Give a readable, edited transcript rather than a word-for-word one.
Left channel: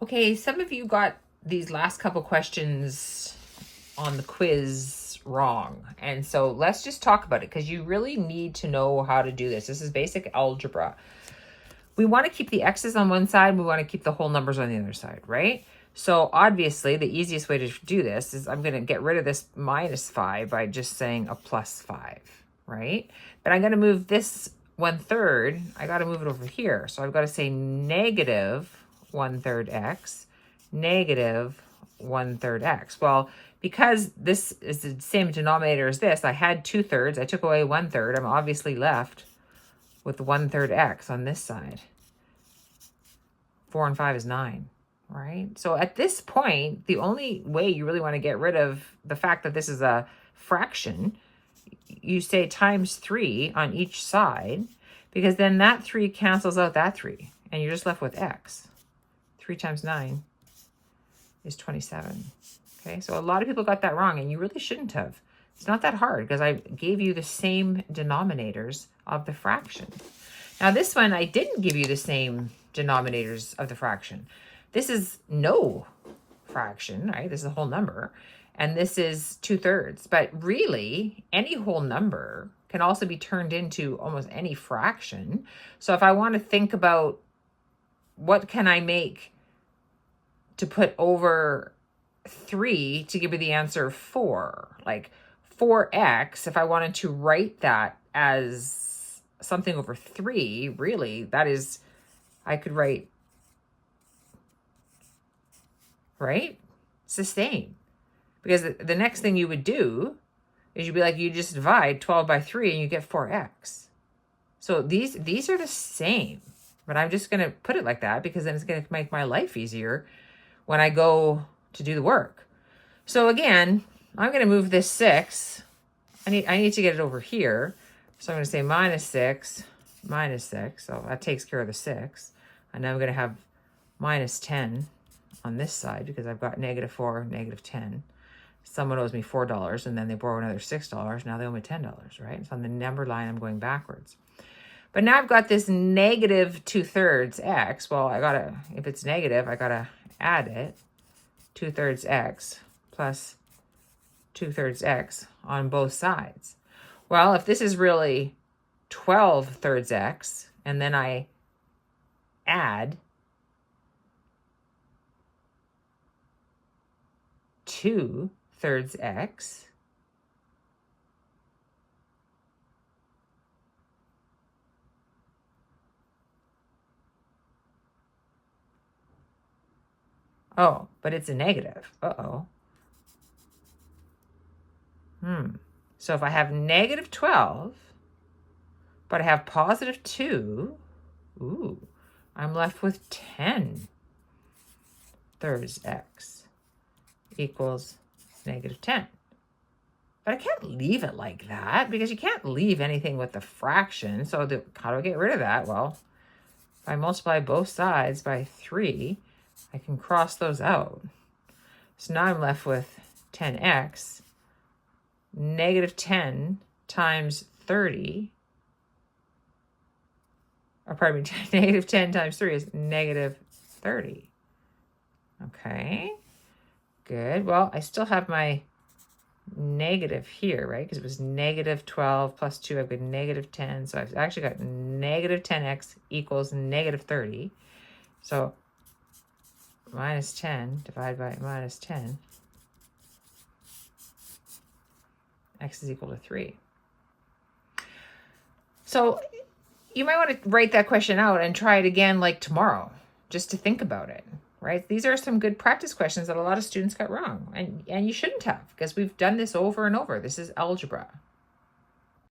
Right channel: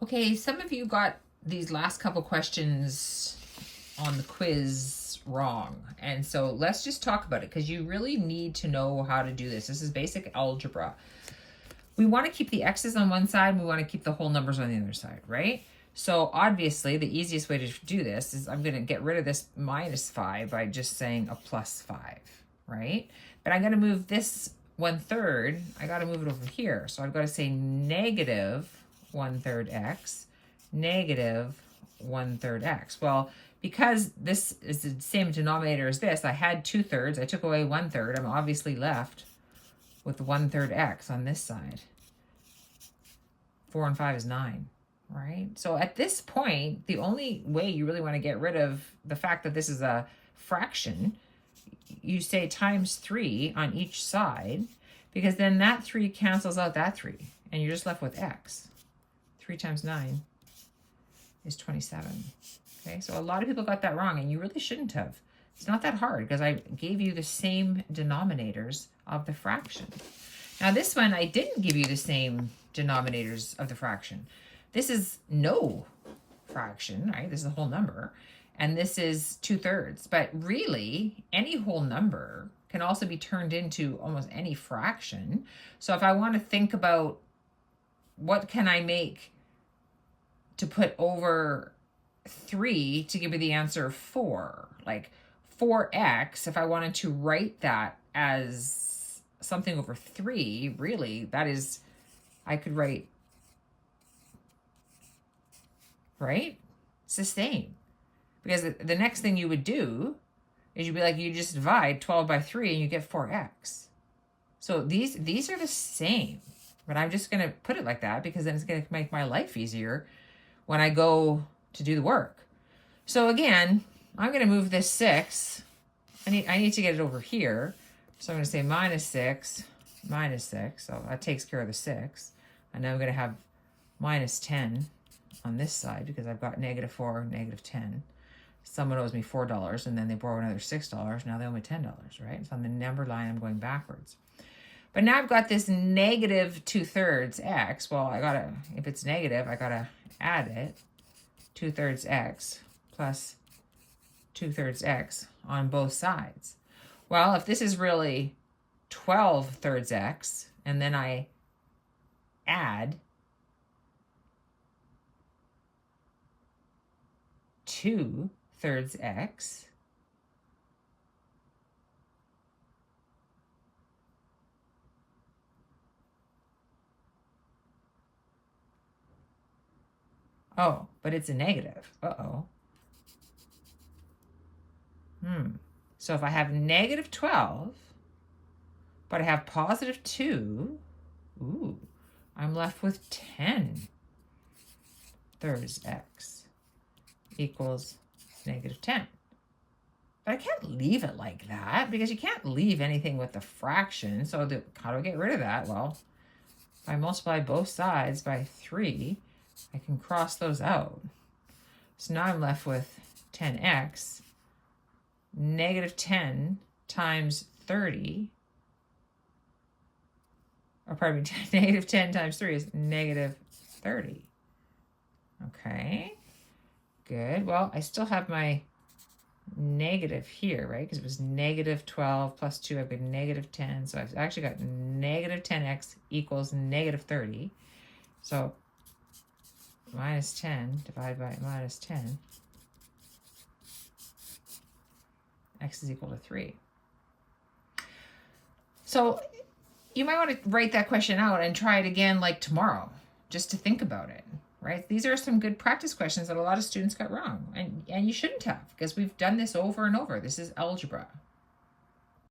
Okay, some of you got these last couple questions on the quiz wrong. And so let's just talk about it because you really need to know how to do this. This is basic algebra. We want to keep the x's on one side. We want to keep the whole numbers on the other side, right? So obviously the easiest way to do this is I'm going to get rid of this -5 by just saying a +5, right? But I'm going to move this 1/3. I got to move it over here. So I've got to say -1/3 x, -1/3 x. Well, because this is the same denominator as this, I had 2/3. I took away 1/3. I'm obviously left with 1/3 x on this side. 4 and 5 is 9, right? So at this point, the only way you really want to get rid of the fact that this is a fraction, you say times 3 on each side, because then that 3 cancels out that 3, and you're just left with x. 3 times 9 is 27. Okay, so a lot of people got that wrong, and you really shouldn't have. It's not that hard because I gave you the same denominators of the fraction. Now this one, I didn't give you the same denominators of the fraction. This is no fraction, right? This is a whole number. And this is 2/3. But really, any whole number can also be turned into almost any fraction. So if I want to think about what can I make to put over 3 to give me the answer 4, like 4x, if I wanted to write that as something over 3, really, that is, I could write, right? It's the same. Because the next thing you would do is you'd be like, you just divide 12 by 3 and you get 4x. So these are the same, but I'm just going to put it like that because then it's going to make my life easier when I go to do the work. So again, I'm going to move this 6. I need to get it over here. So I'm going to say -6, -6. So that takes care of the 6. And now I'm going to have -10 on this side because I've got -4, -10. Someone owes me $4 and then they borrow another $6. Now they owe me $10, right? So on the number line, I'm going backwards. But now I've got this -2/3 x. Well, if it's negative, I gotta add it. 2/3 x plus 2/3 x on both sides. Well, if this is really 12/3 x, and then I add 2/3 x, oh, but it's a negative. Uh-oh. So if I have -12, but I have +2, ooh, I'm left with 10/3 x equals -10. But I can't leave it like that because you can't leave anything with a fraction. So how do I get rid of that? Well, if I multiply both sides by 3, I can cross those out. So now I'm left with 10x. -10 times 30, or pardon me, -10 times 3 is -30. Okay, good. Well, I still have my negative here, right? Because it was -12 plus 2, I've got -10. So I've actually got -10x equals -30. So -10 divided by -10. X is equal to 3. So you might want to write that question out and try it again like tomorrow, just to think about it, right? These are some good practice questions that a lot of students got wrong, and you shouldn't have, because we've done this over and over. This is algebra.